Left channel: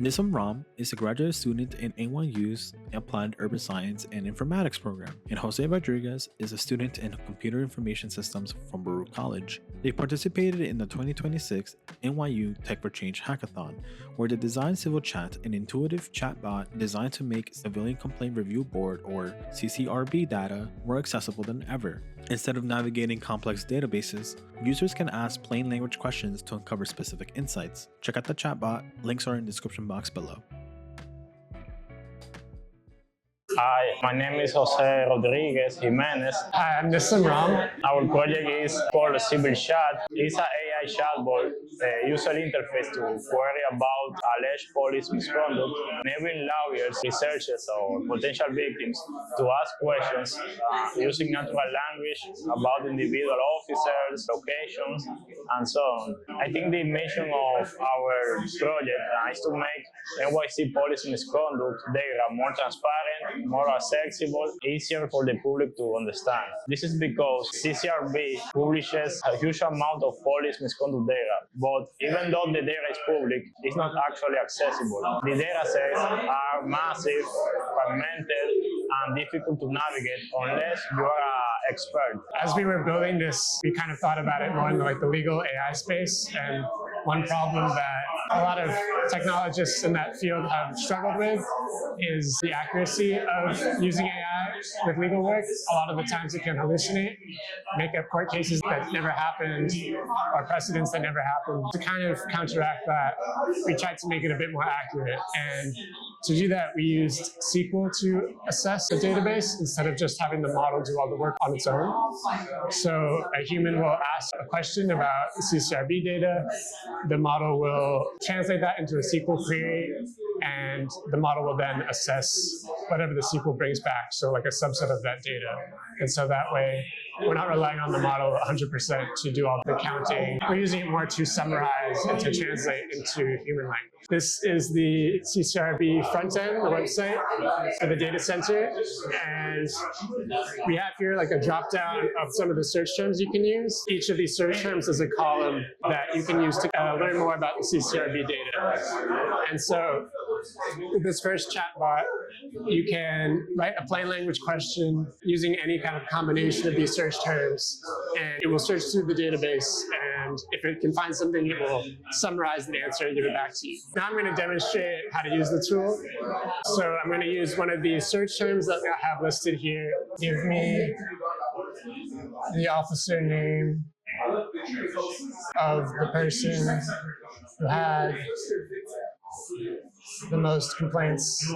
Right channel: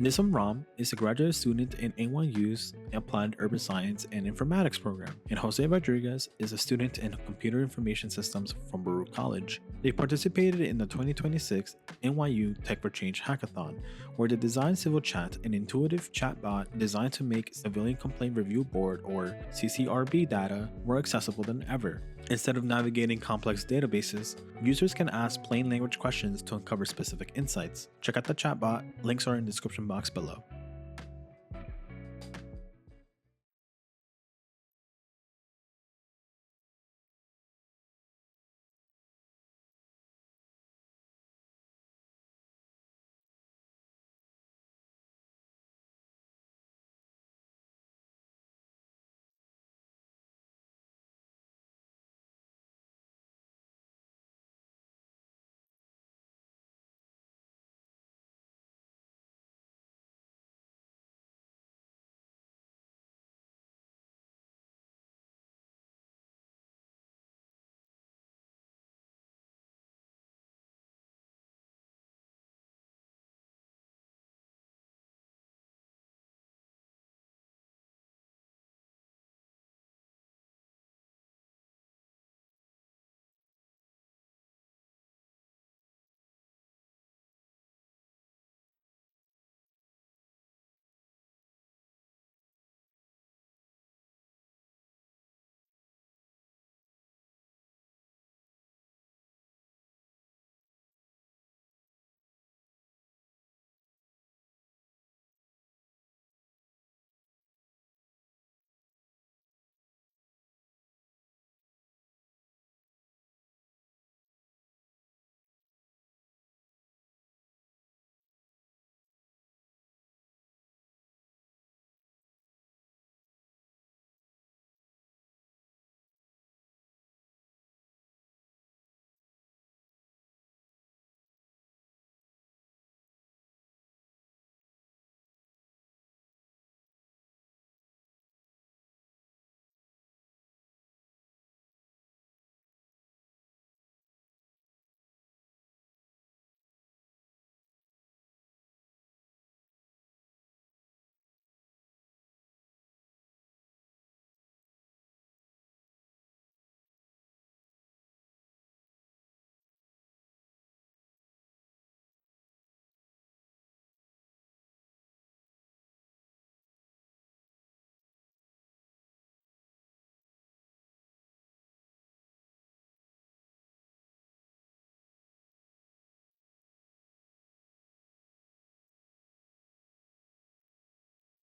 Nissim is a graduate student in NYU's Applied Urban Science and Informatics program, and Jose Rodriguez is a student in Computer Information Systems from Baruch College. They participated in the 2026 NYU Tech for Change Hackathon, where they designed CivilChat, an intuitive chatbot designed to make Civilian Complaint Review Board or CCRB data more accessible than ever. Instead of navigating complex databases, users can ask plain language questions to uncover specific insights. Check out the chatbot, links are in the description box below. Hi, my name is Jose Rodriguez Jimenez. Hi, I'm Nissim. Our project is called CivilChat. It's an AI chatbot user interface to query about alleged police misconduct, enabling lawyers, researchers, or potential victims to ask questions using natural language about individual officers, locations, and so on. I think the mission of our project is to make NYC police misconduct data more transparent, more accessible, easier for the public to understand. This is because CCRB publishes a huge amount of police misconduct data, but even though the data is public, it's not actually accessible. The data sets are massive, fragmented, and difficult to navigate unless you are an expert. As we were building this, we kind of thought about it more in the legal AI space, and one problem that a lot of technologists in that field have struggled with is the accuracy of using AI with legal work. A lot of the times it can hallucinate, make up court cases that never happened or precedents that never happened. To kind of counteract that, we tried to make it a bit more accurate. And to do that, we used SQL to assess the database instead of just having the model do all the work on its own. So a human will ask a question about CCRB data. The model will translate that into a SQL query, and the model will then assess whatever the SQL brings back, so like a subset of that data. And so that way, we're not relying on the model 100% to do all the counting. We're using it more to summarize and to translate into human language. This is the CCRB front end, the website for the data center. And we have here like a drop down of some of the search terms you can use. Each of these search terms is a column that you can use to learn more about the CCRB data. And so with this first chatbot, you can write a plain language question using any kind of combination of these search terms, and it will search through the database, and if it can find something, it will summarize the answer and give it back to you. Now I'm going to demonstrate how to use the tool. So I'm going to use one of these search terms that I have listed here. Give me the officer name of the person who had the most complaints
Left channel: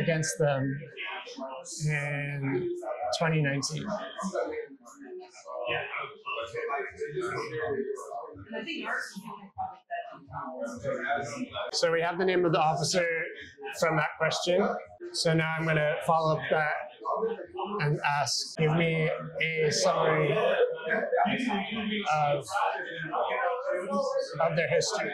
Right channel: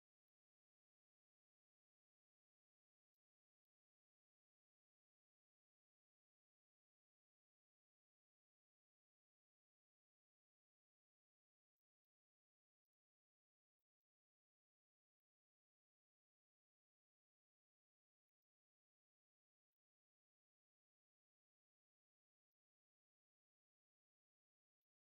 against them in 2019. So we have the name of the officer from that question. So now I'm going to follow up that and ask, give me a summary of their history.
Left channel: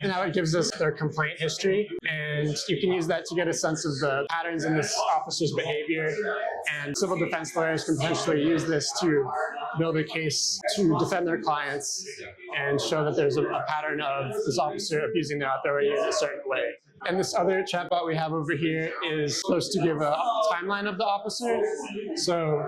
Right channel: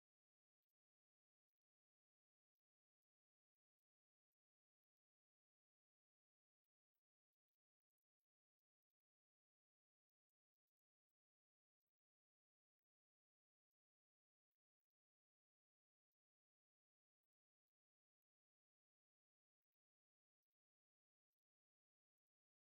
And now it gives us their complaint history, and you can use that to get a sense of the patterns in this officer's behavior. And civil defense lawyers can potentially use this to build a case to defend their clients and show that there's a pattern of this officer abusing their authority in a certain way. And this other chatbot we have over here is supposed to give a timeline of the officer. So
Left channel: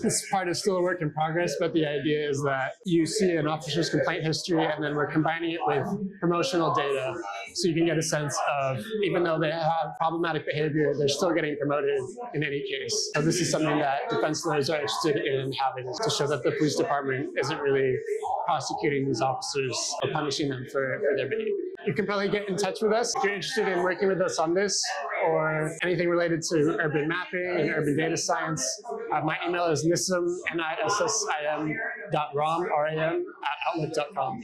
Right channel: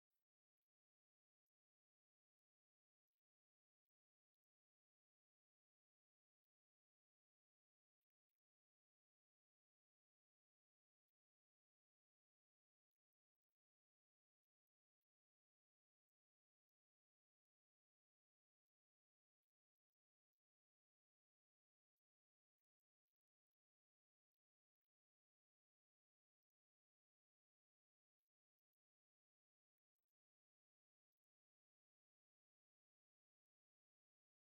this part is still a work in progress, but the idea is that you see an officer's complaint history, and then we're combining it with promotional data, so you can get a sense of, even though they have problematic behavior, they're still getting promoted in any case. So this is something that defense lawyers are interested in having, to show that the police department isn't really prosecuting these officers or punishing them for their behavior. You can probably get in touch with us if you're interested in working with us on this or anything related to urban mapping and urban data science. My email is nissim, nissim.ram, RAM, at outlook.com.